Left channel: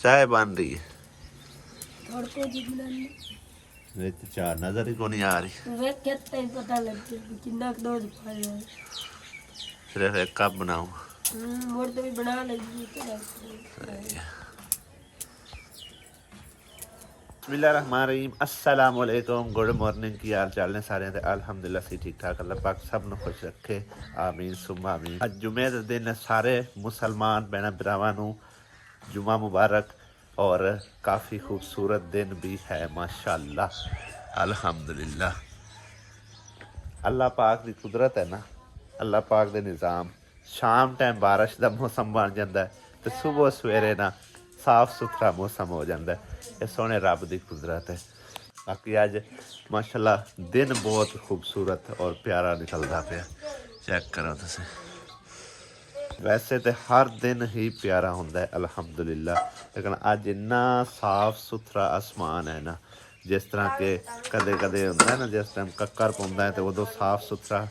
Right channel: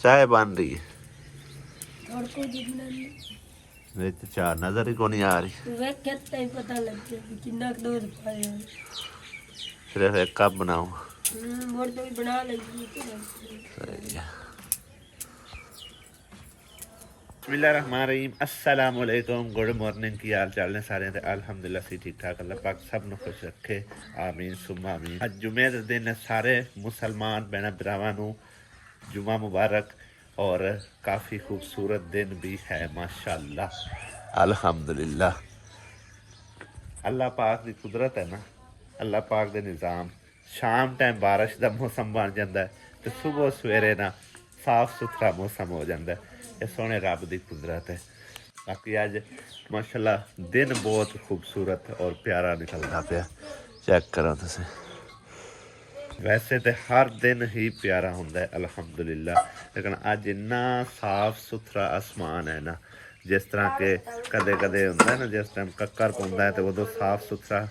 चाय बन रही है चाह नजर ही को नहीं आ रही। सिर्फ एक कप बनाऊं। सही है। बिस्मिल्लाहिर्रहमानिर्रहीम। अस्सलाम वालेकुम। Good morning. की हाल चाल ने सारे? अल्हम्दुलिल्लाह सी ठीक ठाक। अल्लाह पाक सब ਨੂੰ खुश रखे। आमीन सुम्मा आमीन। अज जुमे के दिन सारे मुसलमान भैन भरावां ਨੂੰ जुमा मुबारक और काफ़ी खूबसूरत दिन भी है माशाअल्लाह अल्हम्दुलिल्लाह। अल्लाह पाक की कुदरत है ना, अल्लाह पाक के निज़ाम। शाम टाइम बारिश का मौसम बन जाता है तो सुबह सवेरे ना साफ सुथरा मौसम हो जाता है। ये सोने रब की कुदरत है। बाकी अज माशाअल्लाह दिन बहुत खूबसूरत और प्यारा निकलता पाया। चेक करो तुसीं। वैसे तो हर दिन ही प्यारा होंदा है अल्हम्दुलिल्लाह, लेकिन अज इन्ना साफ सुथरा आसमान है ना, जिस तरह के कदे कदे होंदा है ना, जिस टाइम कक्कर पौंदा है तो उदों साफ सुथरा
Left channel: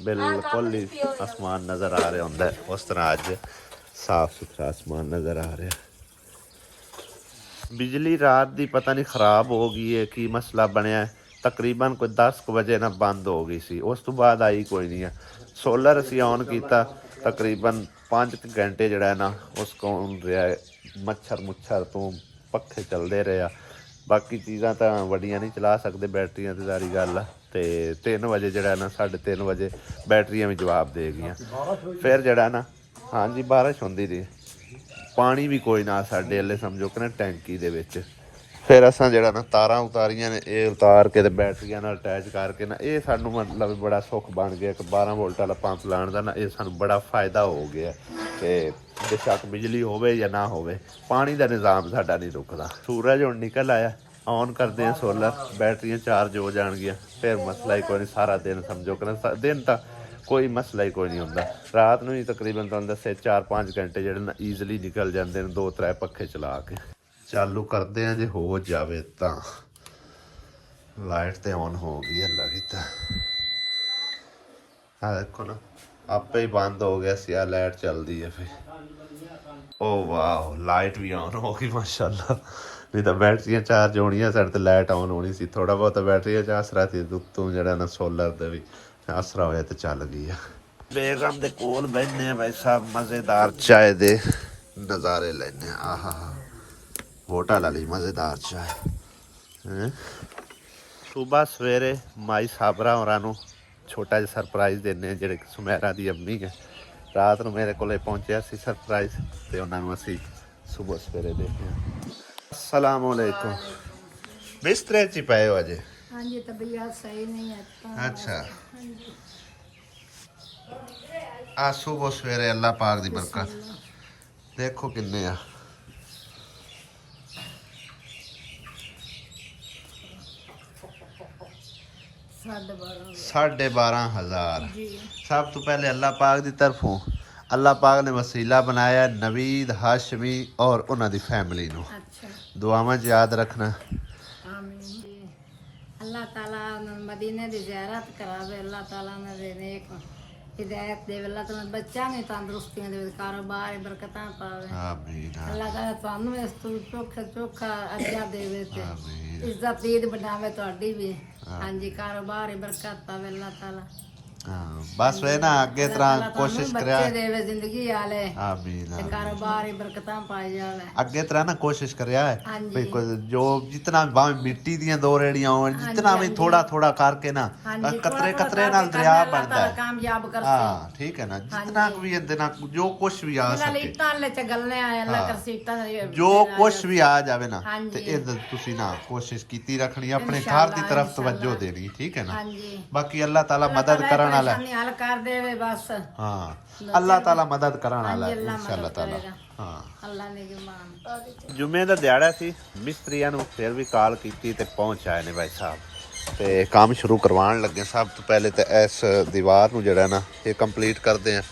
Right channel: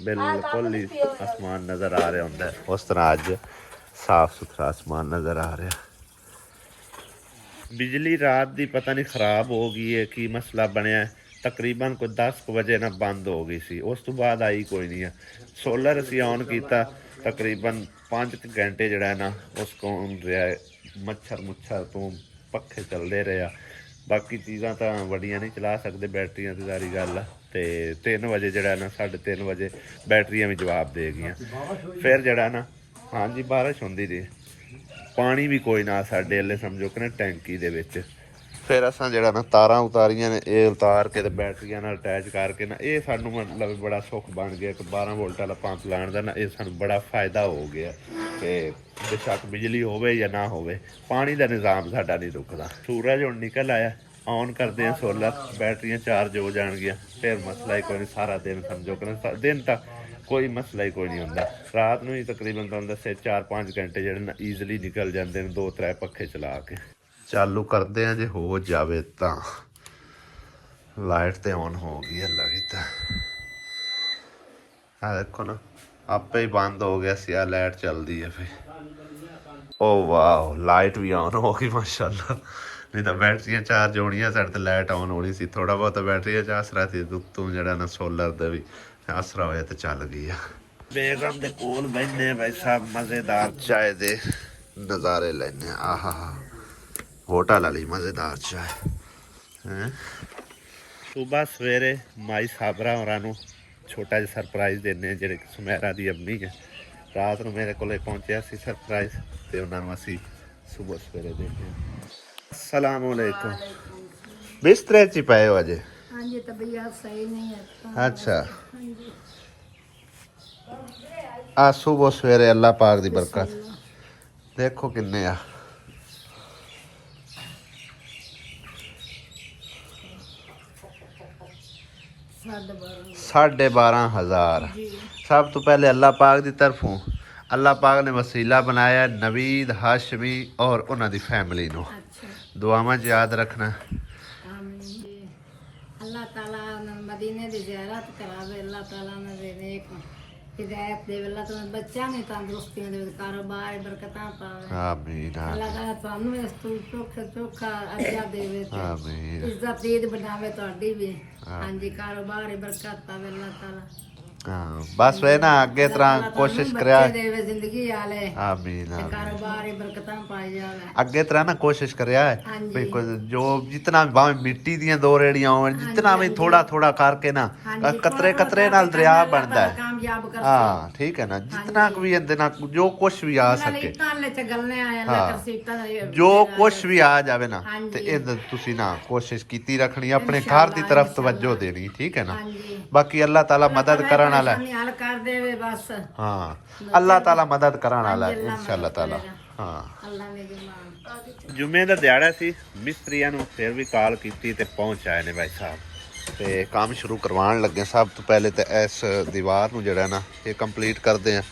बिल्कुल ही आसमान नज़र आ रहा होंदा है, उस तरह अज साफ सुथरा आसमान नज़र आ रहा। बिजली रात की पता नहीं खराब हो गई है, की मसला बनया है। तकरीबन कोई 10 बजे ना बंद हो गई सी, उस तो बाद आई कोई नहीं है। सोलर असी ऑन किया तकरीबन 5 घंटे जड़ा है ना उसको रहा है। मच्छर मुच्छर तो पखे चलते रहे। बाकी चीज़ां तो वड्डियां नहीं चला सकते, बैटरियां तो सारी गल है। तो 3 बजे जड़ा ना 3:30 बजे बैटरियां भी जवाब दे गई। फिर जड़ा ना हाँ जी बारिश होंदी रही, पानी भी कोई ना साढ़े अल्ले समझो कि ना टैंकी दे विच। फिर असां जड़ा ना तारां उतारियां ने, ये उतार के बैटरियां नाल अटैच करके ना ये सानू मतलब बड़ा सुख बन गया। एक 12 वोल्ट वाला पंप लाने का ना ये सानू बड़ा फायदा हो गया। तो बेशक बिजली होवे या ना होवे, पानी का निज़ाम साडा नहीं रुकदा। सूरज हुण निकल आया, ऑन करते हैं सोलर, बैटरियां चार्ज हो जाएगियां। फिर मसला ही कोई नहीं, सारा दिन समझो कि ना दिन तक कोई मसला ही कोई नहीं होंदा। रात में ही तकरीबन तुहानूं दस्से 4-5 घंटे जिहड़े ना ईजली निकल जाते हैं 2-3 पखे चला के। चालू करते हैं जे हो जाए तो लाइट तो ऑन हो गई है लगी तो देखो ना आपे ही बंद हो गया सी। लाइट चलती है फिर ओ वाह लाइट भी ऑन हो गई माशाल्लाह। नहीं तो बैटरियां चार्ज होनियां साढ़े तो लाइट ऑन होनी सी। थोड़ा बहुत बैटरियां च आसरा थी तू जरा ना सोलर का भी आसरा होया तो चल गई है। बेगम दे कोल बैठने भाई साहब, मज़ेदार चाय दे नज़ारे लेने। आहा होटल वाली मज़ेदार चाय। सुबह सवेरे माई साबरा होरां छोटा जिहा सरप्राइज़ देने जिहड़े सुमैरा दी अम्मी है। रात को मेरे को पहुंचा सी सरप्राइज़ तो उन्होंने असी सुबह सवेरे देखे। अस्सलाम वालेकुम। बिस्तरे च पे हो अजे? हाँ जी तबीयत सही नहीं है। अच्छा आ सुबह सवेरे अल्लाह पाक दी बरकत देखो किन्ने आ। 12,500। सब तो पहले अल्लाह पाक की तरफों अल्लाह पाक ने वसीला बनाया नवीद हाशमी और उन्होंने फैमिली को। दुआवां याद रखना। अल्लाह ताला मदीने दी ज़ियारत करावे, अल्लाह ताला ने नेक हिदायत दे, अल्लाह ताला बच्चा ने तंदुरुस्तियां दे, कारोबार बरकतां पावे। आमीन। अल्लाह ताला तुहानू इस तू चोखा अजा देवे, आमीन। इज्जत दीद बनावे तुहाडी भी। हां जी कारोबार बरकत पावे अल्लाह ताला। हाँ बस वे ना अगे तरह कोशिश करा जिंदगी आले। आमीन। कारोबार बरकतां पाई जावे। अगे तरह ना कोशिश करिया है भाई जो जितना भावे मिट्टी दी 2 रेड़ियां हो, जितना भी थोड़ा थोड़ा करके ना कतरे कतरे नाल दरिया बनता है। हाँ ठीक है ना, जितना भी ना जो कुछ भी आ सके, जो कुछ भी आ जावे ना ते तुसी ना कोशिश कीती रखनी, अपने घर दी तरफ तवज्जो देनी। ठीक है ना। बाकी अल्लाह ताला मदद करन वाला है। हाँ अल्लाह ताला मदद करन वाला है इंशाअल्लाह ताला। हाँ जुमे का दिहाड़ा सी, मिस्त्रियां नूं फिर भी कॉल की ते पहुंच आए ने भाई साहब ते काम शुरू करवाण लगे। सब तो पहले तो इस दीवार नूं जिहड़ा ना ये कंप्लीट करते हैं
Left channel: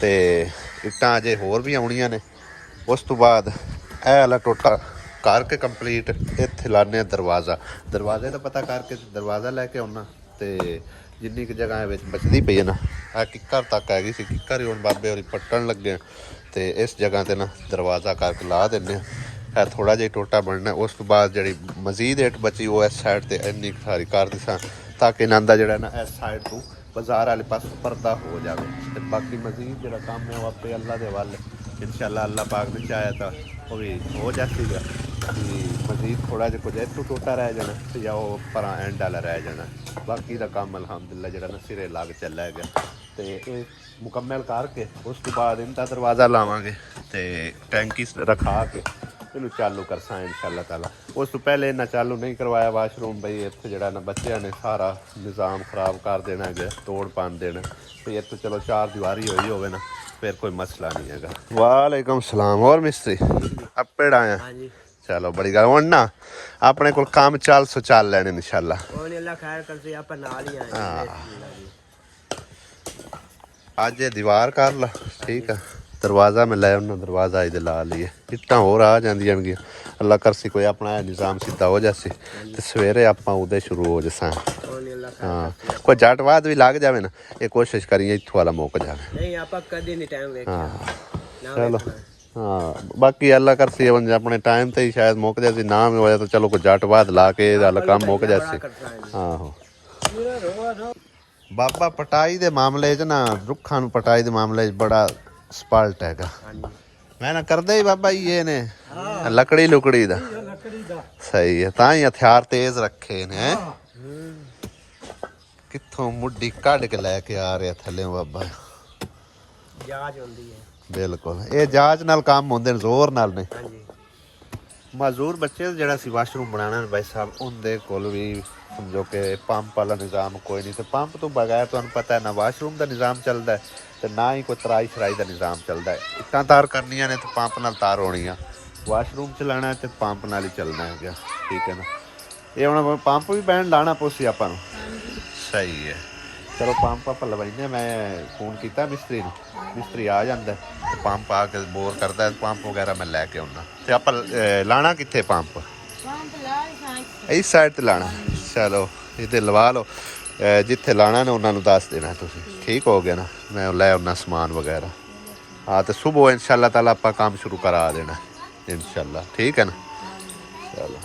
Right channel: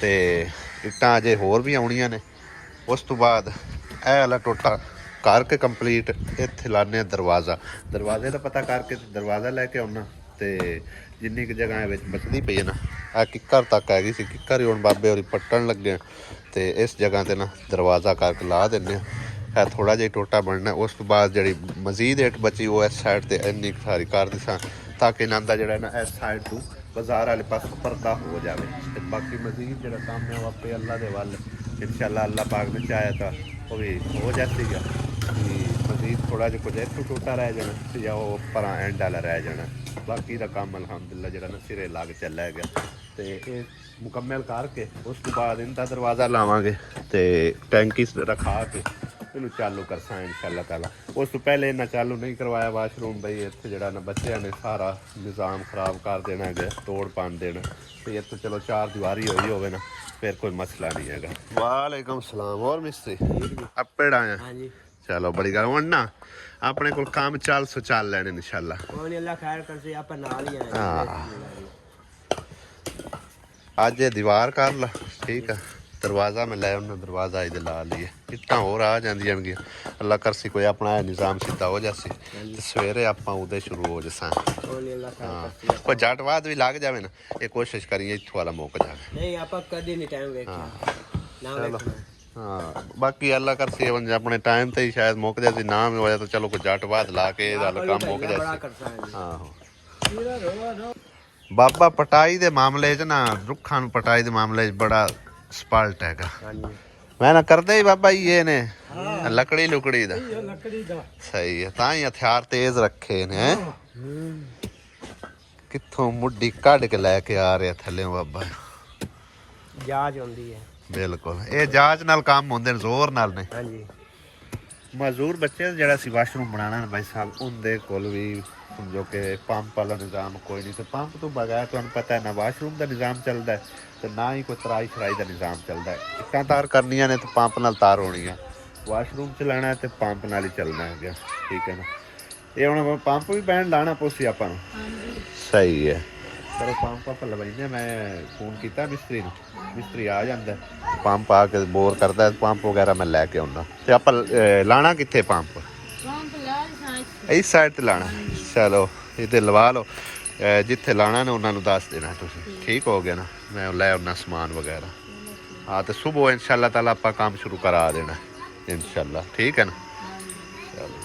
ते इट्टां अजे होर भी आउणियां ने। उस तो बाद ਇਹ वाला टोटा करके कंप्लीट इत्थे लाने दरवाज़ा। दरवाजे का पता करके दरवाज़ा लैके आउना ते जिन्नी कि जगह बचती पई है ना आ किक्कर तक हैगी सी, किक्कर ही हुण बाबे होरी पट्टन लगे तो इस जगह ते ना दरवाज़ा करके ला देने। है थोड़ा जिहा टोटा बनना। उस तो बाद जी मजीद इट बची वो इस साइड से इन्नी सारी कर दिसा ताकि इन्हों का जोड़ा ना इस साइड टू बाजार वाले पास पर्दा हो जाए। तो बाकी मजीद जो काम है वो आपे अल्लाह के वाल इंशाअल्लाह अल्लाह पाक ने चाहे तो वो भी हो जाती है कि मजीद थोड़ा जिहा कुछ इतों टोटा रह जाना या वो पर एंड वाला रह जाना। बाकी का काम अलहमदुलिल्लाह जो ना सिरे लाग चला गया। तो ये मुकम्मल करके उस तो बाद इनका दरवाज़ा लावांगे तो टैंकी रखा के इनू चालू करसा इंशाअल्लाह ताला। उस तो पहले इन्हें चालू नहीं करवाया वाशरूम बई इत्थे जड़ा ना बच्चों ने सारा निज़ाम खराब कर देना है तोड़ पान देना। तो इत्थे चलो चार दीवारी हुई होवे ना फिर कोई मसला नहीं है। वालेकुम सलाम। और मिस्त्री अपे आया चलो बड़ी गल हुण ना अपने को काम चल सो चल लेने इंशाअल्लाह। अज ये दीवार कर ला ठीक है। दरवाज़ा मैं लै उन्हें दरवाज़ा इधर ला लिए इट्टां होर आ जांदियां अल्लाह करसी कोई अपना निज़ाम सीधा हो जासी तो सवेरे आपां उदे शुरू हो जसा। हाँ कोई जट बाद भी लग जाए ना ये कोशिश करिए इत्थों वाला मुक जाए। चलो हाँ बाकी अल्लाह करसी अपने टाइम ते ही शायद मुक जाए ना भी होया तो चलो कोई जट बाद ला के काम मुक जाए। हाँ बाबा पटाई दे मामले च ना रुखा पटाई दे मामले च बड़ा स्पल्ट हैगा। मैं ना करदे ही बाबा ये ने लकड़ी लुकड़ी दा सही है तां ही हथियार तेज रखे ने। कित्थों मुड्डी कढ़ के लैके आ रहे थल्ले बाबा बिल्कुल ये जांच नाल काम होंदे ने जोर नाल नहीं। मजदूर बच्चे जड़ा सी वाशरूम बनाना भाई साहब उनके कोल भी समझो कि पंप वाला निज़ाम कोई नहीं। तो पंप तो बगैर तुहानूं पता है ना वाशरूम का निज़ाम चलता है तो ना ही कोई तराई शराई का निज़ाम चलता है। इक्कां तार करनियां ने तो पंप नाल तार होनी है। वाशरूम चलाना है तो पंप नाल ही चलना है ठीक है ना। ये हुण पंप भी बैन लाना पोसी आपां नूं सही है। चलो पंप आप लवाइने मैं फोन किया मिस्त्री नूं मिस्त्री आ जाता है पंप आके बोर करता है पंप वगैरह मैं लैके आउना। तो आप लाना कित्थे पंप इस साइड ते लाना। चलो इधर लवा लो जिथे लाना ने उन्होंने दस देना तुसीं ठीक हो गया ना। मैं लै आना समान वगैरह हाँ तो सुबह इंशाअल्लाह ताला आप काम शुरू करा देना इंशाअल्लाह ठीक है ना। चलो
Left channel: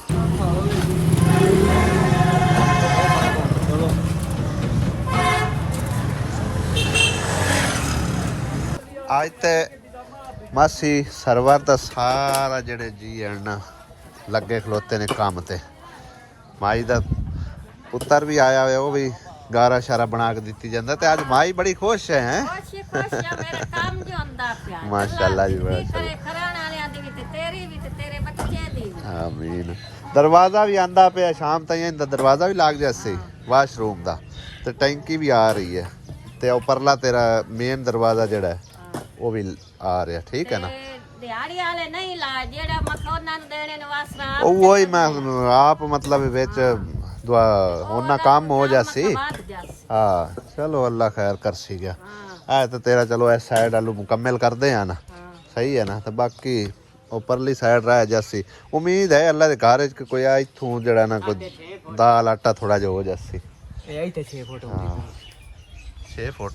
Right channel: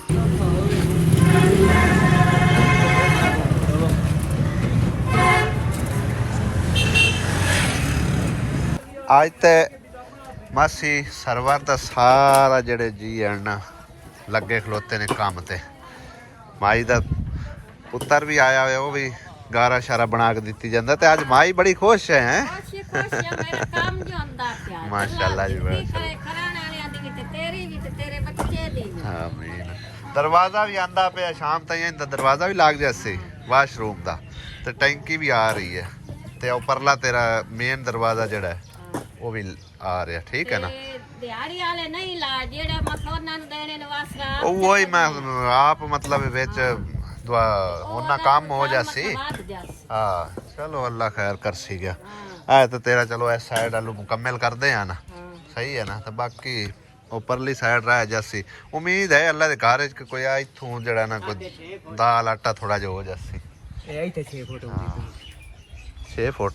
आज तो मासी सरवर का सारा जड़े जी हैं ना लगे खलोते ने काम ते। माई का पुत्र भी आया हुआ वो भी गारा शारा बना के दी जाता। तो आज माई बड़ी खुश है माशाअल्लाह जी आमीन। दरवाज़ा भी आंदा पे शाम तक दरवाज़ा भी लाग जाए वाशरूम का तो टैंकी भी आ रही है तो उपरला तेरा मेन दरवाज़ा जड़ा है वो भी आ रहा ठीक है ना। वही मैं आप मतलब विच उन्ना काम हो जासी। हाँ चलो अल्लाह खैर कर सी गया है तो तेरा चलो इस साइड आलू मुकम्मल कर दे ना सही है ना। तो बाकी उपरली साइड रह जासी उम्मीद है अल्लाह के घर कोई इत्थों जड़ा ना कोई दाल आटा थोड़ा जो हो जासी। 6 फुट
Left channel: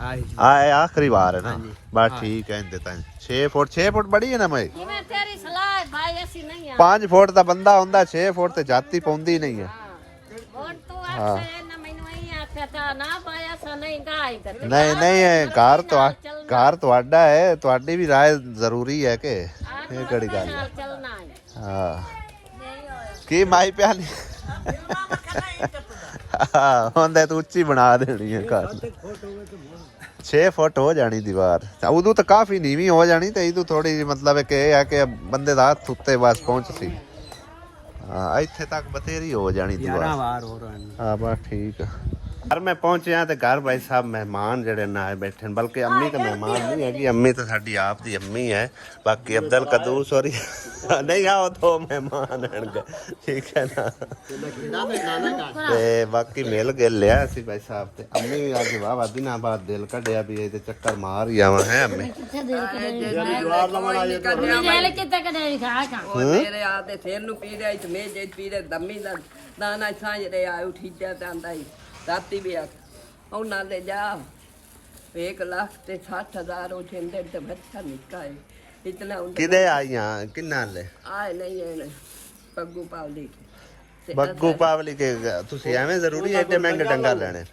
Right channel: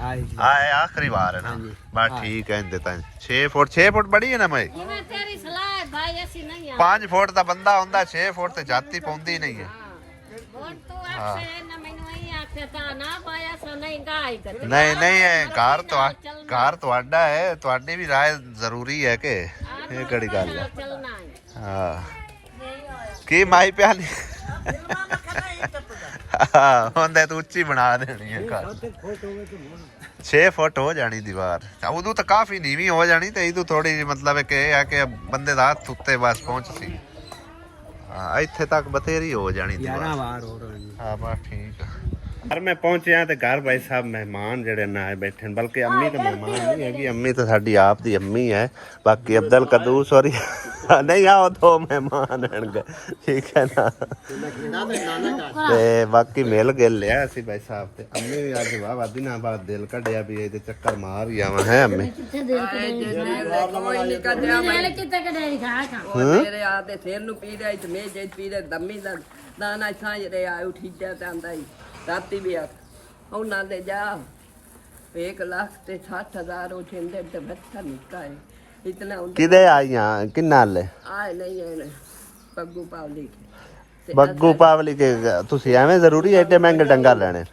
आखिरी बार है ना बस ठीक है 6 फुट बड़ी है ना मैं 5 फुट का बंदा होंदा 6 फुट ते जाती पौंदी नहीं है। हाँ नहीं नहीं घर तुहाडा है तुहाडी भी राय जरूरी है कि ये कड़ी गल है। हाँ की माई प्याली होंदे तो उच्ची बना देनी है घर 6 फुट हो जानी दीवार उदू तो काफ़ी नीवी हो जानी तो इदू थोड़ी मतलब कि बंदे दा हत्थ उत्ते बस पहुंच सी। हाँ इत्थे तक बथेरी हो जानी दीवार। हाँ बस ठीक है। घर में पहुंचे हैं तो घर भाई साहब मेहमान जड़े ना आए बैठे बल्कि अम्मी तो मेहमान नहीं हैगी अम्मी तो साडी आप दी अम्मी है। बाकी अब्दुल कदूस और नहीं आओ 2 मेहमान हैं ठीक है ना। ते बाकी मिल गिल लिया असी भाई साहब ते अम्मी भी अज वाह दिनों बाद दिल कढ़िया भी ये चक्कर मार ही आवा है अम्मी। राती भी उन्होंने जा 1,60,000 वो छेंदे ते बच्चा निका है इतना ਕਿਦੇ ਆਈਆਂ ਕਿੰਨਾ ਲੈ आए नहीं है पग्गू पावली के ਬੱਗੂ ਪਾਵਲੀ ਕੇ ਤੁਸੀਂ ਐਵੇਂ ਜ਼ਰੂਰੀ ਐਡੇ ਮਹਿੰਗੇ ਡੰਗਰ ਲੈਣੇ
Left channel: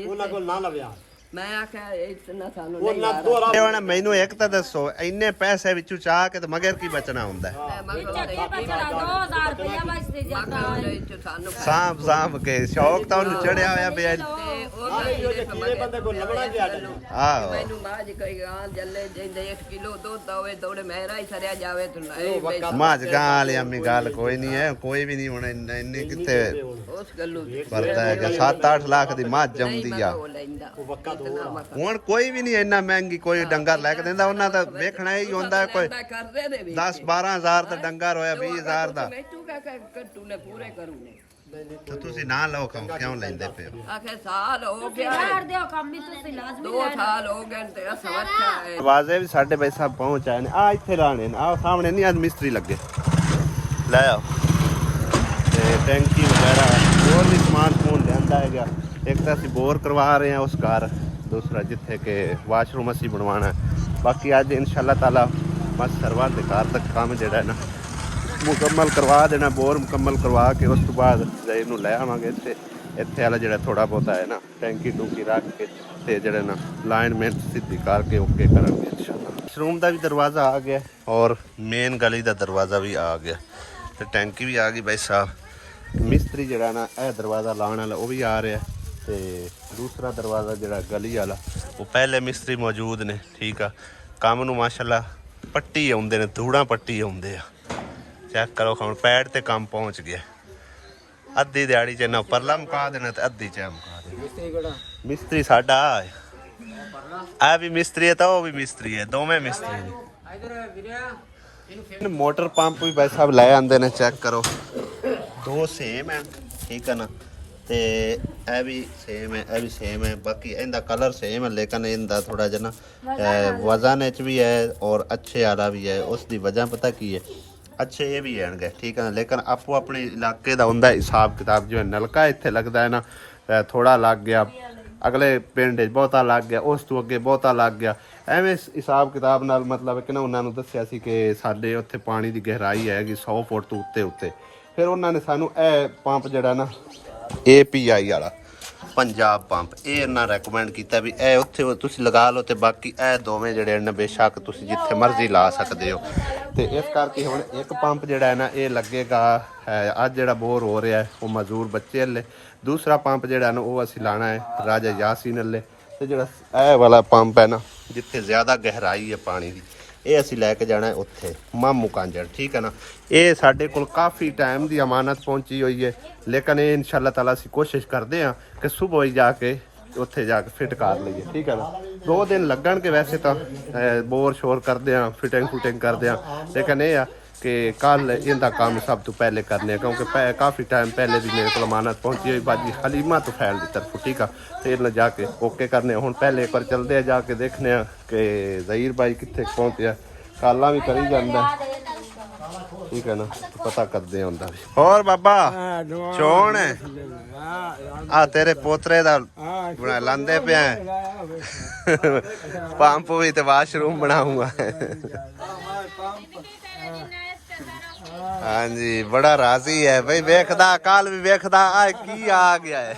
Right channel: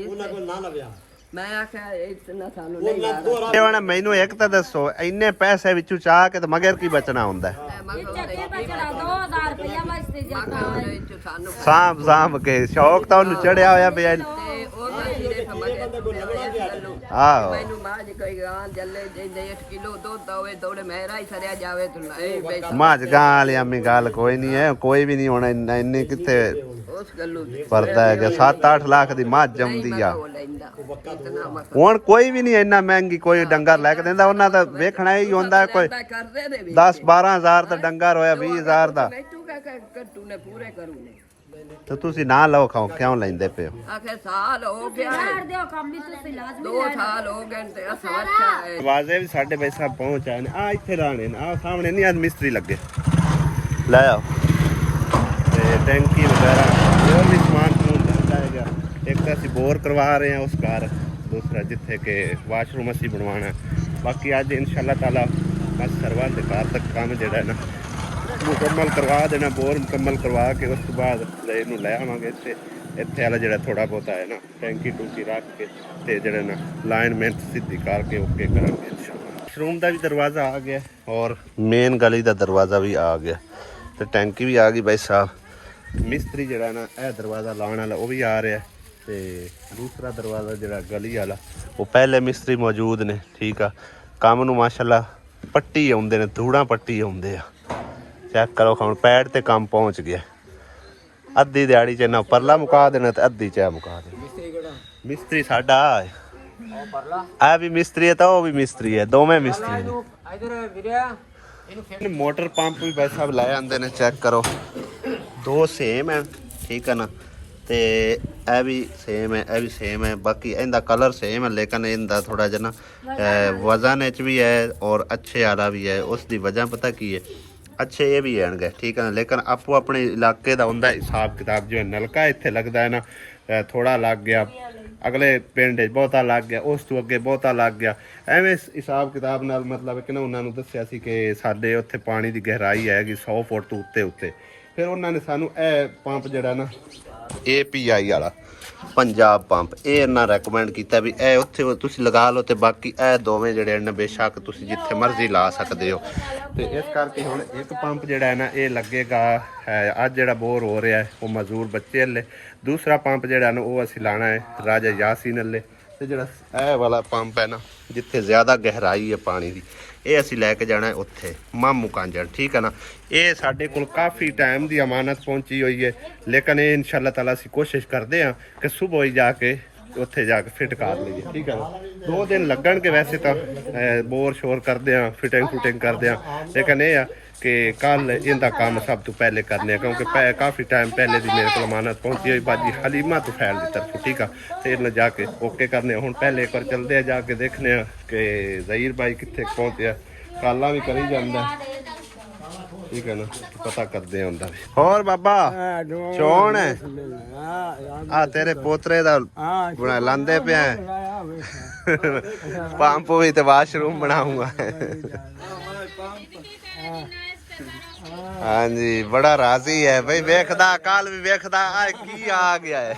ਉਹਨਾਂ ਕੋਲ ਨਾ ਲਵਿਆ ਮੈਂ ਆਖਿਆ ਇਤਨਾ ਸਾਨੂੰ ਨਹੀਂ ਲਾ ਇਹ ਹੁਣ ਮੈਨੂੰ ਇੱਕ ਤਾਂ ਦੱਸੋ ਇੰਨੇ ਪੈਸੇ ਵਿੱਚੋਂ ਚਾਹ ਕੇ ਤੇ ਮਗਰ ਕੀ ਬਚਣਾ ਹੁੰਦਾ ਸਾਂਭ ਕੇ ਸ਼ੌਕ ਤਾਂ ਉਹਨੂੰ ਚੜਿਆ ਹੋਇਆ ਪਿਆ ਆਹੋ ਮੈਨੂੰ ਮਾਜ ਕੋਈ ਗਾਂ ਜੱਲੇ ਜਿੰਦੇ 1 ਕਿਲੋ ਦੁੱਧ ਹੋਵੇ ਤੋੜੇ ਮੇਰਾ ਹੀ ਸਰਿਆ ਜਾਵੇ ਤੂੰ ਇਹ ਮਾਜ ਗਾਂ ਵਾਲੀ ਅੰਮੀ ਗੱਲ ਕੋਈ ਨਹੀਂ ਹੈ ਕੋਈ ਵੀ ਨਹੀਂ ਹੋਣਾ ਇੰਨੀ ਕਿੱਥੇ ਉਸ ਗੱਲੋਂ ਪਰਦਾ ਹੈ ਕਿ 7-8 ਲੱਖ ਦੀ ਮੱਝ ਜੰਮਦੀ ਆ ਹੁਣ ਕੋਈ ਵੀ ਨਹੀਂ ਇੰਨਾ ਮਹਿੰਗੀ ਕੋਈ ਡੰਗਰ ਲੈ ਕੇ ਦਿੰਦਾ ਉਹਨਾਂ ਦਾ ਵੇਖਣਾ ਹੀ ਹੁੰਦਾ ਕੋਈ 10-12 ਹਜ਼ਾਰ ਦਾ ਡੰਗਰ ਹੋਇਆ 20 ਹਜ਼ਾਰ ਦਾ ਕੱਟੂ ਨੇ ਪੂਰੇ ਕਰੂ ਨੇ ਤੇ ਤੁਸੀਂ ਨਾ ਲਓ ਖਾਓ ਕਿਉਂ ਲੈਂਦੇ ਪਏ ਹੋ ਆਖੇ ਸਾਲ ਹੋ ਗਿਆ 2 ਸਾਲ ਹੋ ਗਏ ਤੇ ਅਸਾਂ ਅੱਛਾ ਹੈ ਆਵਾਜ਼ੇ ਵੀ ਸਾਡੇ ਭਾਈ ਸਾਹਿਬ ਪਹੁੰਚ ਆਏ ਨੇ ਆ ਇੱਥੇ ਲਾਣੇ ਨੇ ਆ ਸਾਹਮਣੇ ਨਹੀਂ ਅੱਜ ਮਿਸਤਰੀ ਲੱਗੇ ਲੈ ਆਓ ਤੇ ਟੈਂਕੀ ਵਗੈਰਾ ਹੋਰ ਵੀ ਸਮਾਨ ਸਮੂਨ ਲਿਆਂਦਾ ਹੈਗਾ ਇੱਕ ਤਾਂ ਅਸੀਂ ਬੋਰ ਕਰਵਾ ਰਹੇ ਹਾਂ ਉਸ ਘਰ ਦੂਸਰਾ ਜਿੱਥੇ ਕਿ ਵਾਸ਼ਰੂਮ ਅਸੀਂ ਬਣਵਾਉਣਾ ਹੈ ਬਾਕੀ ਅੱਜ ਇਨਸ਼ਾਅੱਲਾ ਤਾਲਾ ਮਸ ਕਰਵਾ ਤੇ ਘਰ ਤੱਕ ਕੰਮ ਜਿਹੜਾ ਹੈ ਨਾ ਮੁਕੰਮਲ ਕਰਵਾ ਦੇਣਾ ਬੋਰ ਮੁਕੰਮਲ ਕਰਵਾ ਕੇ ਉਸ ਤੋਂ ਬਾਅਦ ਇਹਨੂੰ ਲੈ ਆਵਾਂਗੇ ਇੱਥੇ ਵਾਲਾ ਜਿਹੜਾ ਥੋੜਾ ਬਹੁਤਾ ਹੈ ਨਾ ਟੈਂਕੀ ਟੂਕੀ ਰੱਖ ਕੇ ਤੇ ਜਿਹੜੇ ਨਾ ਲਾਈਨਮੈਂਟ ਸਿੱਧੀ ਕਰਕੇ ਓਕੇ ਕਰਾਂਗੇ ਇਨਸ਼ਾਅੱਲਾ ਵਾਸ਼ਰੂਮ ਦਾ ਵੀ ਦਰਵਾਜ਼ਾ ਆ ਗਿਆ ਔਰ ਮੇਨ ਗਲੀ ਦਾ ਦਰਵਾਜ਼ਾ ਵੀ ਆ ਗਿਆ ਤੇ ਟੈਂਕੀ ਵੀ ਆ ਗਈ ਭਾਈ ਸਾਹਿਬ ਮਿਸਤਰੀ ਜਿਹੜਾ ਨਾ ਇਹ ਦਰਵਾਜ਼ਾ ਲਾਉਣ ਵਾਲਾ ਉਹ ਵੀ ਆ ਰਿਹਾ ਤੇ ਦੂਸਰਾ ਦਰਵਾਜ਼ਾ ਜਿਹੜਾ ਗਲੀ ਵਾਲਾ ਉਹ ਪਹਿਲੇ ਮਿਸਤਰੀ ਮੌਜੂਦ ਨੇ ਠੀਕ ਆ ਕੰਮ ਨੂੰ ਮਾਸ਼ਾਅੱਲਾ ਪੱਟੀ ਆਉਂਦੇ ਨੇ ਧੂੜਾਂ ਪੱਟੀ ਆਉਂਦੇ ਆ ਚੈੱਕ ਕਰੋ ਹੁਣ ਪੈੜ ਤੇ ਕੰਮ ਪਹੁੰਚ ਗਿਆ ਅੱਧੀ ਦਿਹਾੜੀ ਚ ਨਾ ਪਰਲਾ ਮੁਕਾ ਦੇਣਾ ਤੇ ਅੱਧੀ ਚ ਮੁਕਾ ਦੇਣਾ ਮਿਸਤਰੀ ਸਾਡਾ ਆ ਵੀ ਮਿਸਤਰੀ ਹੈ ਤਾਂ ਉਹ ਵੀ ਮਿਸਤਰੀ ਹੈ ਦੋਵੇਂ ਮਿਸਤਰੀ ਨੇ ਮੋਟਰ ਪੰਪ ਵੀ ਭਾਈ ਸਾਹਿਬ ਲੈ ਆਂਦੇ ਨੇ ਚੈੱਕ ਕਰੋ 2 ਸੇਮ ਹੈ ਠੀਕ ਹੈ ਨਾ ਤੇ ਇਹ ਵੀ ਸੇਮ ਹੈ ਇਹ ਵੀ ਸੇਮ ਹੈ ਬਾਕੀ ਇਹਦਾ ਕਲਰ ਸੇਮ ਹੈ ਲੇਕਿਨ ਇਹਦਾ ਥੋੜਾ ਜਿਹਾ ਨਾ ਵਜ਼ਨ ਵਿੱਚ ਵੀ ਹੈ ਔਰ ਅੱਛੇ ਵਾਲਾ ਵੀ ਹੈ ਉਸ ਦੀ ਵਜ੍ਹਾ ਪਤਾ ਕੀ ਹੈ ਅੱਛੇ ਇਹ ਵੀ ਆਣਗੇ ਠੀਕ ਹੈ ਨਾ ਲੇਕਿਨ ਆਪੋ ਆਪਣੇ ਇਲਾਕੇ ਦਾ ਹੁੰਦਾ ਹਿਸਾਬ ਕਿਤਾਬ ਜਿਵੇਂ ਨਲਕਾ ਇੱਥੇ ਲੱਗਦਾ ਹੈ ਨਾ ਥੋੜਾ ਲੱਗ ਗਿਆ ਅਗਲੇ ਪਿੰਡ 'ਚ ਬਹੁਤਾ ਲੱਗ ਗਿਆ ਉਸ ਤੋਂ ਅੱਗੇ ਬਹੁਤਾ ਲੱਗ ਗਿਆ ਐਵੇਂ ਹਿਸਾਬ ਕਿਤਾਬ ਨਾਲ ਮਤਲਬ ਕਿ ਨਾ ਉਹਨਾਂ ਨੂੰ ਦੱਸਿਆ ਸੀ ਕਿ ਸਾਡੇ ਉੱਥੇ ਪਾਣੀ ਦੀ ਗਹਿਰਾਈ ਹੈਗੀ 100 ਫੁੱਟ ਤੋਂ ਉੱਤੇ ਫਿਰ ਉਹਨਾਂ ਨੇ ਸਾਨੂੰ ਇਹ ਪੰਪ ਜਿਹੜਾ ਨਾ API ਵਾਲਾ ਪੰਜਾਬ ਪੰਪ ਇਹ ਇਹਨਾਂ ਰეკਮੈਂਡ ਕੀਤਾ ਵੀ ਇਹ ਉੱਥੇ ਤੁਸੀਂ ਲਗਾ ਲਓ ਤੇ ਬਾਕੀ ਇਹ ਦੋਵੇਂ ਜਿਹੜੇ ਨੇ ਬੇਸ਼ੱਕ ਤੁਸੀਂ ਜਿੱਥੇ ਮਰਜ਼ੀ ਲਾ ਸਕਦੇ ਹੋ ਤੇ ਇਸ ਕਰਕੇ ਹੁਣ ਇੱਕ ਪੰਪ ਜਿਹੜਾ ਹੈ ਨਾ ਇਹ ਲੱਗੇਗਾ ਅੱਜ ਜਿਹੜਾ ਬੋਰ ਹੋ ਰਿਹਾ ਉਹ ਮਜ਼ਦੂਰ ਬੱਚੇ ਹਲੇ ਦੂਸਰਾ ਪੰਪ ਜਿਹੜਾ ਨਾ ਉਹ ਅਸੀਂ ਲਾਣਾ ਹੈ ਰਾਜਾ ਯਾਸੀਨ ਹਲੇ ਤੇ ਜਿਹੜਾ ਇਹ ਵਾਲਾ ਪੰਪ ਹੈ ਨਾ ਜਿੱਥੇ ਜ਼ਿਆਦਾ ਗਹਿਰਾਈ ਹੈ ਪਾਣੀ ਦੀ ਇਹ ਅਸੀਂ ਲੈ ਕੇ ਜਾਣਾ ਉੱਥੇ ਮਾਮੂ ਕਾਂਜੜ ਠੀਕ ਹੈ ਨਾ ਇਹ ਸਾਡੇ ਕੋਲ ਕਾਫੀ ਟਾਈਮ ਦੀ ਅਮਾਨਤ ਪਹੁੰਚੀ ਹੋਈ ਹੈ ਲੇਕਿਨ ਇਹ ਇਨਸ਼ਾਅੱਲਾ ਤਾਲਾ ਅਸੀਂ ਕੋਸ਼ਿਸ਼ ਕਰਦੇ ਹਾਂ ਕਿ ਸੁਬਹ ਹੀ ਜਾ ਕੇ ਉੱਥੇ ਜਾ ਕੇ ਫਿੱਟ ਕਰ ਲਈਏ ਠੀਕ ਹੈ ਨਾ 2 ਦਿਨ ਲੱਗਣਗੇ ਵੈਸੇ ਤਾਂ ਬੋਰ ਸ਼ੋਰ ਕਰਦੇ ਹਾਂ ਫਿਟਿੰਗ ਕਰਦੇ ਹਾਂ ਲੇਕਿਨ ਇਹ ਆ ਕਿ ਕੱਲ ਇਹਦਾ ਕੰਮ ਸਭ ਤੋਂ ਪਹਿਲੇ ਕਰਨੇ ਕਿਉਂਕਿ ਕਾਫੀ ਟਾਈਮ ਪਹਿਲੇ ਦੀ ਮੇਰੇ ਕੋਲ ਅਮਾਨਤ ਪਹੁੰਚੀ ਹੋਈ ਬਾਜੀ ਹਲੀਮਾ ਤੁਫੈਲ ਦੀ ਤਰਫੋਂ ਠੀਕ ਆ ਤੇ ਇਹਨਾਂ ਜਾ ਕੇ ਓਕੇ ਕਰਨੇ ਹੁਣ ਪਹਿਲੇ ਇੱਕ ਵਾਰ ਚੱਲਦੇ ਆ ਜਾ ਕੇ ਦੇਖਨੇ ਆ ਕਿ ਜ਼ਹੀਰ ਭਾਈ ਕਿੱਥੇ ਪਹੁੰਚਿਆ ਕਾਲਾਂ ਵੀ ਕਰੀ ਜਾਂਦਾ ਠੀਕ ਹੈ ਨਾ ਪਤਾ ਕਰਦੇ ਹੁੰਦਾ ਵੀ ਹੋਰ ਬਾਬਾ ਚੋਣ ਹੈ ਆ ਤੇਰੇ ਪੋਤਰੇ ਦਾ ਬਣਾ ਲਾਂਦੇ ਪਿਆ ਪੰਪ ਵੀ ਤੇ ਵਾਸ਼ਰੂਮ ਬਣਾਉਂਗਾ ਹਾਂਜੀ ਬੜਾ ਰਾਜ਼ੀ ਹੈ ਬਈ ਵੇਖਦਾ ਕੱਲ ਵੀ ਵੇਖਦਾ ਆ ਕੀ ਆ ਗਿਆ ਹੈ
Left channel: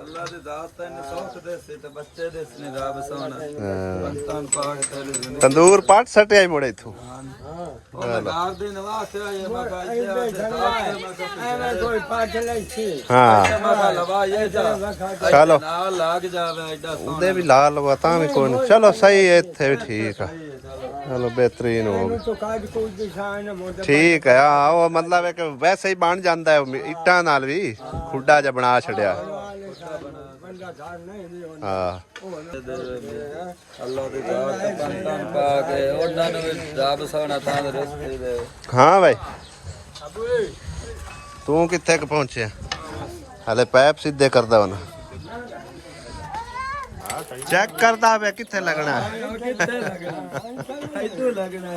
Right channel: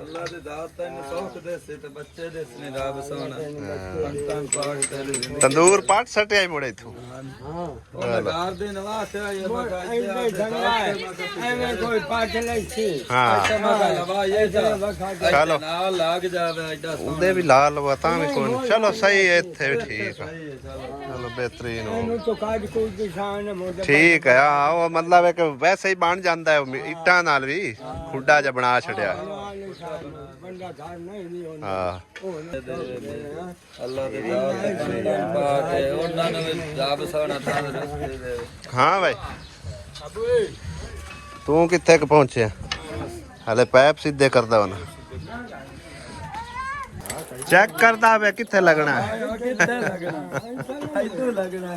ਅੱਲਾ ਦੇ ਦਾਤ ਤੈਨੂੰ ਸੌਖ ਦੇ ਸੇ ਤੇ ਬੱਚੇ ਦੇ ਸਨੇ ਰੱਬ ਸੋਹਣਾ ਤੰਦੂਰ ਪਾਟ ਸਟਿਆ ਮੁੜੇ ਇਥੋਂ ਲਗਾਰ ਦੇ ਨਵਾਂ ਸਿਆ ਇਹ ਐਵੇਂ ਕੋਈ ਪਾਠ ਲਈ ਸੀ ਹਾਂ ਮਗਾ ਲਵਾ ਇਹ ਚਲੋ ਨਾਲ ਲੱਗ ਜਾਵੇ ਐਡਾ ਉਹਦੇ ਵੀ ਲਾ ਲਵਾ ਤਾਂ ਵੀ ਕੋਈ ਨਹੀਂ ਚਲੋ ਸਹੀ ਹੈ ਇੱਥੇ ਵੀ ਠੀਕ ਆ ਚਲੋ ਬਿਹਤਰੀਨ ਹੋ ਠੀਕ ਹੈ ਆ ਉਹ ਮਤਲਬ ਹੈ ਕਿ ਵੈਸੇ ਹੀ ਬਣ ਜਾਂਦਾ ਹੈ ਇੱਟਾਂ ਨਾਲ ਵੀ ਖੁੱਡਾ ਜਿਹਾ ਬਣਾ ਛੜਿਆ ਹਾਂ ਅੱਲਾ ਦੇ ਦਾਤ ਬੰਦਾਂ ਪਾ ਕੇ ਉਹਨਾਂ ਨੂੰ ਵੀ ਰੱਬ ਸੋਹਣਾ ਤਾਂ ਦੇ ਰਸਤੇ ਦੇ ਹਾਂ ਭਾਈ ਤੂੰ ਕਿੱਥੇ ਕ ਪਹੁੰਚਿਆ ਹਲੇ ਪੈਪ ਸਿੱਧੇ ਕਰਦਾ ਹੁਣ ਚੈੱਕ ਕਰਦਾ ਵੇ ਕਿੱਥੇ ਲੱਗਣਾ ਕਿੱਥੇ ਲੱਗਣਾ ਇੱਥੇ ਲੱਗਣਾ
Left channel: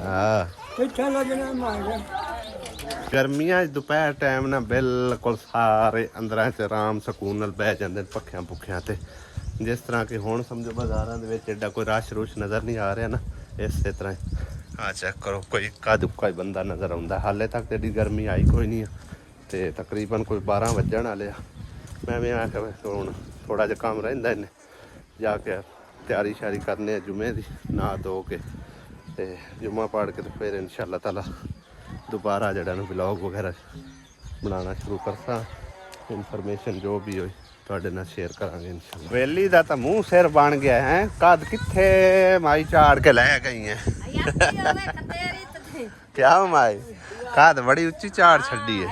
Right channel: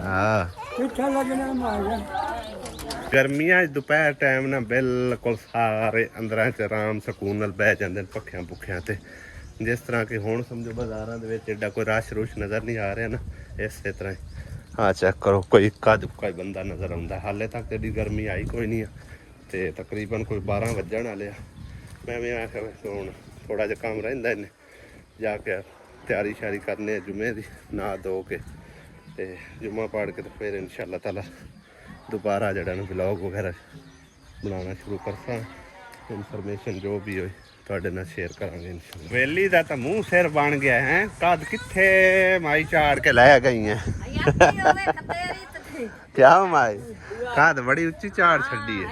ਹਾਂ ਕਿੱਥੇ ਲੱਗਣਾ ਮਾਇਆ ਗਰਮੀਆਂ 'ਚ ਦੁਪਹਿਰ ਟਾਈਮ ਨਾ ਬਿਲਕੁਲ ਸਾਰੇ ਅੰਦਰਾਂ 'ਚ ਆਰਾਮ ਸਕੂਨ ਨਾਲ ਬਹਿ ਜਾਂਦੇ ਨੇ ਪੱਖਿਆਂ ਪੁੱਖਿਆਂ ਤੇ। ਜਿਸ ਤਰ੍ਹਾਂ ਕਿ ਹੁਣ ਸਮਝੋ ਬਾਜ਼ਾਰਾਂ ਦੇ ਵਿੱਚ ਐਡਾ ਕੋਈ ਰਸ਼ ਰੁਸ਼ ਨਜ਼ਰ ਨਹੀਂ ਆ ਰਿਹਾ ਨਾ, ਇਸੇ ਤਰ੍ਹਾਂ ਹੀ ਹਾਂ ਚੈੱਕ ਕਰੋ, ਕੋਈ ਇੱਕਾ ਦੁੱਕਾ ਹੀ ਬੰਦਾ ਨਜ਼ਰ ਆਉਂਦਾ। ਹਾਲੇ ਤੱਕ ਤੇ ਐਡੀ ਗਰਮੀ ਆਈ ਕੋਈ ਨਹੀਂ ਆ, ਤੇ ਤਕਰੀਬਨ ਕੋਈ 12 ਵੱਜਣ ਵਾਲੇ ਆ। ਮੈਂ ਵੀ ਆਖਿਆ ਹੁਣ ਥੋੜਾ ਜਿਹਾ ਕੰਮ ਰਹਿੰਦਾ ਇਹਨੇ ਜਾ ਕੇ ਤਿਆਰੀ ਸ਼ਿਆਰੀ ਕਰਨੇ ਆ ਜੁਮੇ ਦੀ, ਨਹਾ ਧੋ ਕੇ ਤੇ ਜੁਮਾ ਪੜ੍ਹ ਕੇ ਤੇ ਫਿਰ ਇਨਸ਼ਾਅੱਲਾ ਤਾਲਾ ਦੁਬਾਰਾ ਜਿਹੜਾ ਨਾ ਵਲੌਗ ਵਗੈਰਾ ਬਣਾਉਣਾ ਸ਼ੁਰੂ ਕਰਸਾਂ। ਇਨਫੋਰਮੇਸ਼ਨ ਜੋ ਵੀ ਹੋਈ ਤੁਹਾਡੇ ਨਾਲ ਸ਼ੇਅਰ ਕਰਾਂਗੇ ਇਨਸ਼ਾਅੱਲਾ। ਵੇਲੀ ਦਾ ਤਾਂ ਮੂੰਹ ਸਿਰ ਬਣ ਗਿਆ ਹੈ, ਕਦ ਕਿੱਥੇ ਮਾਈ ਝਾੜ ਕੇ ਲੈ ਗਈ ਹੈ। ਕਿਆ ਮਾਈ ਕਦ ਬੜੀ ਉੱਚੀ ਝਾੜ ਛੱਡੀ ਹੈ।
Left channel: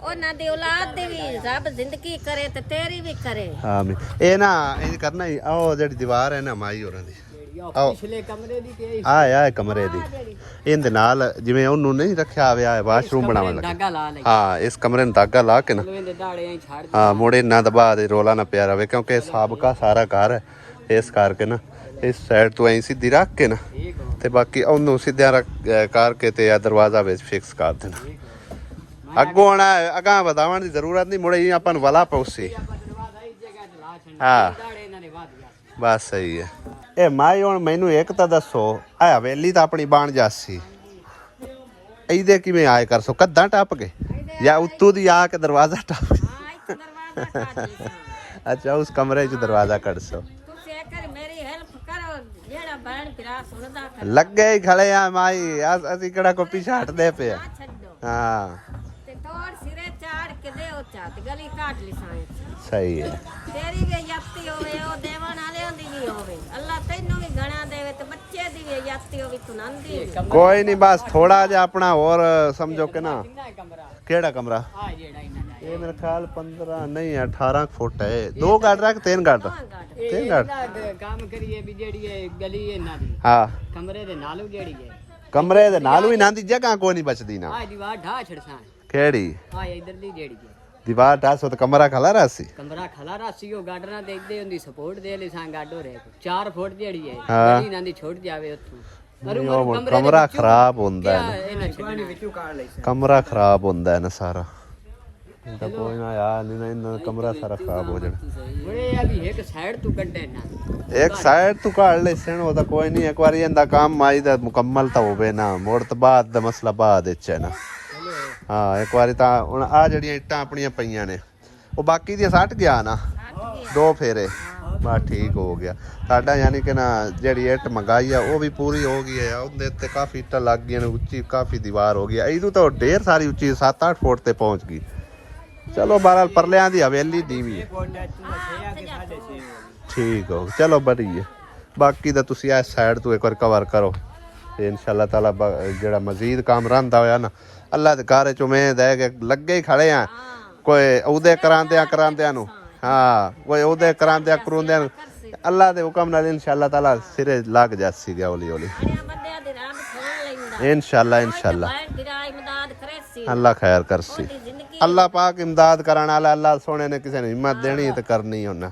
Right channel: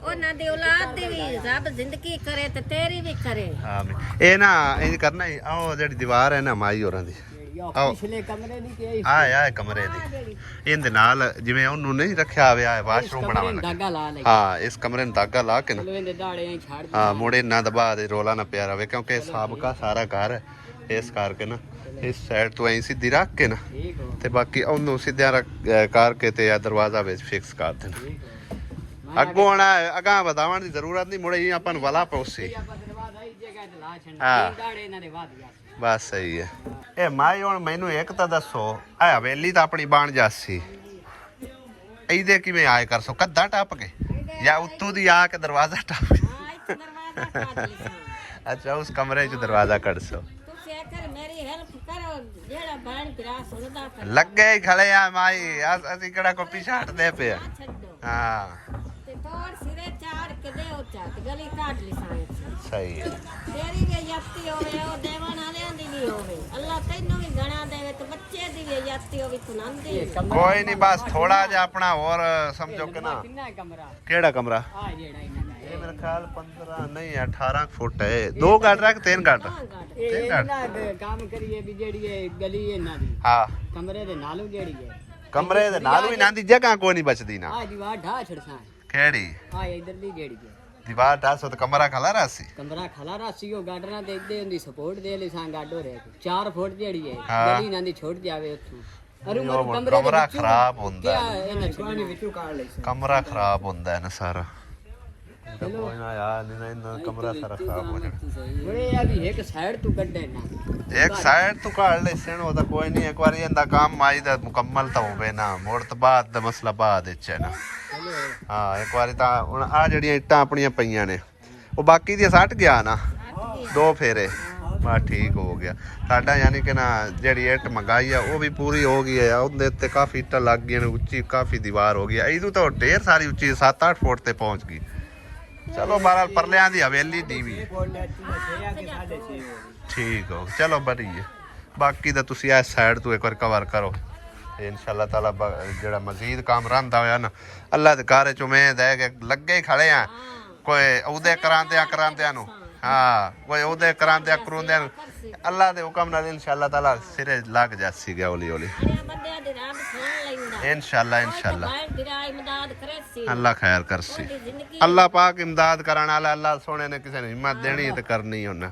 ਉਹਨਾਂ ਦੀ ਔਲਾਦ ਦੀ ਵੀ ਰੱਬ ਜ਼ਿੰਦਗੀ ਕਰੇ ਤੇ ਤੇਰੀ ਵੀ ਕਰੇ। ਆਮੀਨ। ਇਹ ਨਾ ਇੰਜ ਕਰਨਾ ਹੀ, ਆਹ ਜਿਹੜੀ ਦੀਵਾਰ ਹੈ ਨਾ ਮਾਈ ਹੋਰਾਂ ਦੀ, ਪਿਛਲੇ ਕਮਰੇ ਦੀ ਤੇ ਆ ਕਮਰੇ ਦੀ, ਇਹਦੇ ਨਾਲ ਜਿਵੇਂ ਉਹਨੂੰ ਨਹੀਂ ਰੱਖਿਆ ਹੋਇਆ ਵਾਸ਼ਰੂਮ ਬਣਾਉਣ ਦਾਗਾ ਲਾ ਲਈ। ਹਾਂ ਇਸ ਕਮਰੇ ਨੂੰ ਦਾਗਾ ਲਾ ਕੇ ਨਾ ਇਹਦੇ ਦਾੜੇ ਛੱਡ ਹਾਂ ਮੁੜੇ ਨਾ ਦਬਾ ਦੇ, ਰੋਲਾ ਨਾ ਪਿਆ ਰਵੇ, ਕਿਉਂਕਿ ਸਾਬਕਾ ਸਾਰਾ ਘਰ ਹੈ, ਇਸ ਕਰਕੇ ਨਾ ਇਸ ਸਾਈਡ ਤੋਂ ਐਂ ਸਿੱਧੀ ਰੱਖ ਕੇ ਨਾ ਤੇ ਬਾਕੀ ਉਹਨੂੰ ਸਿੱਧਿਆਂ ਕਰਕੇ ਤੇ ਆ ਦਰਵਾਜ਼ਾ ਵਿੱਚ ਫਿਕਸ ਕਰ ਦੇਣਾ। ਅੱਗੋਂ ਆਣਾ ਅਗਾਂ ਵਧਾਉਣ ਦੀ ਜ਼ਰੂਰਤ ਨਹੀਂ, ਮੁੜੇ ਹੀ ਆਪਾਂ ਨੂੰ ਵਾਲਾ ਪਉਸੀ। ਹਾਂ ਬਸ ਸਹੀ ਹੈ। ਇਹ ਮਾਈ ਹੁਣ ਮੈਨੂੰ ਇੱਕ ਤਾਂ ਦੱਸੋ, ਇਹ ਹਵੇਲੀ ਤਾਂ ਆਪਣੀ ਬਣ ਜਾਸੀ, ਇਹਦੇ ਕਿਵੇਂ ਆਏ ਕਰ ਸੋ ਕੱਦਾਂ ਟੱਪ ਗਏ ਜਾਂ ਉੱਤੋਂ ਦੀ ਆ ਕੇ ਦਰਵਾਜ਼ਾ ਟੱਪ ਅੱਛਾ ਉਸ ਕਮਰੇ 'ਚ ਦਰਵਾਜ਼ਾ ਕੱਢ ਸੋ। ਮੇਰੀ ਹੈਲਪ ਕਰੋ, ਜਿਹੜਾ ਭੈਣ ਭਰਾ ਸੁਣਦਾ ਲੱਗੇ ਹੀ ਖੜੇ ਆ ਮਾਈ, ਅਸੀਂ ਕਿਹੜਾ ਕੋਈ ਪਿੱਛੇ ਹਟਦੇ ਪਏ ਆ। ਹਾਂ ਤੇ ਤੋੜ ਸਿਰੇ ਚਾੜ ਕੇ ਦੇ ਉਹ ਚਾਟ ਗਲੀ ਕਾਟ ਲਈ ਸਾਂ। ਸਹੀ ਹੈ। ਤੇਰੀ ਵੀ ਯਾਤੀ ਹੋਵੇ, ਉਹ ਦੇਵਨ ਵਾਲਿਆਂ ਦੀ ਵੀ ਹੋਵੇ, ਅੱਲਾ ਤੈਨੂੰ ਵੀ ਗਣਾ ਦੇਵੇ ਤੇ ਬੱਚੇ ਦੀ ਵੀ ਯਾਤੀ ਹੋਵੇ ਤੁਨੰਦੀ। ਕੋਈ ਨਹੀਂ ਬਸ ਥੋੜਾ ਜਿਹਾ ਆਪਣਾ ਹੋਰ ਸਮਝੋ ਕਿ ਨਾ। ਕਿਹੜਾ ਕਮਰਾ? ਆ ਜਿਹੜਾ ਇਹਨਾਂ ਦਾ ਇਹ ਮੇਰੇ ਖਿਆਲ 15 ਨਹੀਂ 18 ਫੁੱਟ ਹੈ। 2 ਗੱਡ ਰੱਖ 3 ਗੱਡ 3 ਗੱਡ ਕੰਮ ਕਰੀਏ ਵੀ ਜਿਹੜੀ ਇਹ ਗਲੀ ਇਹਨਾਂ ਦੀ ਹਾਂ ਕਮਰੇ ਦੇ ਨਾਲੋਂ ਜਿਹੜੀ ਹੈ, ਕਮਰੇ ਦੇ ਨਾਲ ਵੀ ਨਾ ਦੀ ਜਗ੍ਹਾ ਕੋਈ ਨਹੀਂ ਬਚਦੀ ਨਾ। ਆ ਦੀਵਾਰ ਢਾ ਛੜਸਾਂ ਕਿਹੜੀ ਆ ਇਧਰਲੀ ਜਿਹੜੀ ਹੈ ਦੀਵਾਰ ਢਾਸੋ ਤੇ ਕਮਰਾ ਖਲਾ ਰਾਸੀ ਕਮਰਾ ਖਲਾ ਰਾਸੀ ਉਹ ਗਾਡਰਾਂ ਤੇ ਇੱਦੇ ਹੁੰਦੀ ਸਪੋਰਟ ਦੇ ਲਈ ਸਾਂ ਗਾਡੋ ਰੇ 4 ਫੁੱਟ ਜਿਹੜੀ ਹੈ ਹਾਂ। ਗਲੀ ਨਾਲ ਦੀ ਛੁੱਟ ਜਾਵੇ ਉੱਥੋਂ ਕਮਰਾ ਖਰਾਬ ਹੁੰਦਾ ਕਿਆ ਹੈ, ਇਹਨਾਂ ਛੱਡਣੀ ਵਿੱਚੋਂ ਕਾੜ ਲਈ ਸਾਂ। ਕਮਰਾ ਖਰਾਬ ਹੁੰਦਾ ਹੈ ਨਾ ਸਾਰਾ। ਕੋਈ ਨਾ ਯਾਰ ਨਹੀਂ ਨਾ ਕਮਰਾ ਸਾਰਾ ਖਰਾਬ ਹੋ ਜਾਣਾ। ਬੜੇ ਆ ਵੀ ਇੱਕ ਸਾਈਡ ਤੋਂ ਕੱਢੇ ਨਾ, ਇੱਕ ਸਾਈਡ ਤੋਂ ਕਾੜ ਲੈ ਸਣ, ਉਹ ਤਾਂ ਕੋਈ ਨਹੀਂ, ਇੱਕ ਵਾਰੀ ਇਹਦਾ ਕੰਮ ਆਈ ਦਾ ਮੁਕੰਮਲ ਤਾਂ ਹੋਵੇ ਨਾ, ਮੋੜ ਤੋਂ ਬਾਅਦ ਦਾ ਮਸਲਾ ਬਾਅਦ ਵਿੱਚ ਹੈ ਨਾ। ਹਾਂ ਇੱਕ ਵਾਰੀ ਤਾਂ ਹੁਣ ਆ ਜਿਹੜੀਆਂ ਇੱਟਾਂ ਆਪਣੀਆਂ ਪਈਆਂ ਨੇ ਉਹ ਬਾਕੀ ਦੀਆਂ ਸੱਟ ਗਿਆ ਨਾ 2 ਫੇਰੇ, ਬਸ ਠੀਕ ਹੋ ਗਿਆ ਸਾਡਾ। ਯਾਨੀ ਕਿ ਨਾ ਜਿਹੜੀ ਇੱਟ ਮੰਗਾਈ ਆ ਉਹ ਵੀ ਪੂਰੀ ਹੋ ਗਈ ਹੈ, ਉਹਦੇ ਉੱਤੇ ਕਾਫੀ ਇੱਟਾਂ ਲੱਗ ਗਈਆਂ ਨੇ, ਉੱਚੀ ਕਾਫੀ ਦੀਵਾਰ ਹੋ ਗਈ। ਇਹਦੂ ਤਾਂ ਢੇਰ ਸਾਰੀ ਉੱਚੀ 7-8 ਫੁੱਟ ਤੇ ਪਹੁੰਚ ਗਈ। ਚਲੋ ਬਹਰਾਲ ਪਰਲਿਆਂ ਦੀ ਹਵੇਲੀ ਨੀਵੀਂ ਠੀਕ ਹੋ, ਚਲੋ ਵਧੀਆ। ਬਾਕੀ ਤਾਂ ਤੁਸੀਂ ਇਸ ਸਾਈਡ ਤੋਂ ਇੱਕ ਵਾਰ ਕਵਰ ਕਰੋ ਤੇ ਇਨਸ਼ਾਅੱਲਾ ਤਾਲਾ ਜਿਹੜਾ ਮਜ਼ੀਦ ਕੰਮ ਰਹਿੰਦਾ ਹੋਇਆ ਨਾ ਅੱਲਾ ਦੇ ਘਰ ਚ ਉਮੀਦ ਹੈ ਕਿ ਲੱਗੇ ਹੀ ਖੜੇ ਆ। ਕੋਈ ਉਹਦੇ ਕਰਾਂਦਿਆਂ ਨੂੰ ਹਾਂ, ਕੋਈ ਉਹਦੇ ਕਰਾਉਂਦਿਆਂ ਨੂੰ ਅੱਲਾ ਦੇ ਹੁਕਮ ਨਾਲ ਇਨਸ਼ਾਅੱਲਾ ਤਾਲਾ ਸਿਰੇ ਲੱਗ ਜਾਸੀ ਗਿਆ ਹੌਲੀ ਹੌਲੀ ਇਨਸ਼ਾਅੱਲਾ। ਅੱਲਾ ਖੈਰ ਕਰਸੀ, ਅੱਲਾ ਪਾਕ ਇਮਦਾਦ ਕਰਨ ਵਾਲਾ। ਅੱਲਾ ਸੋਹਣੇ ਨੇ ਕਿਸੇ ਨੂੰ ਹਿੰਮਤ ਦੇਣੀ ਤੇ ਕਰਨੀ ਉਹਨਾਂ।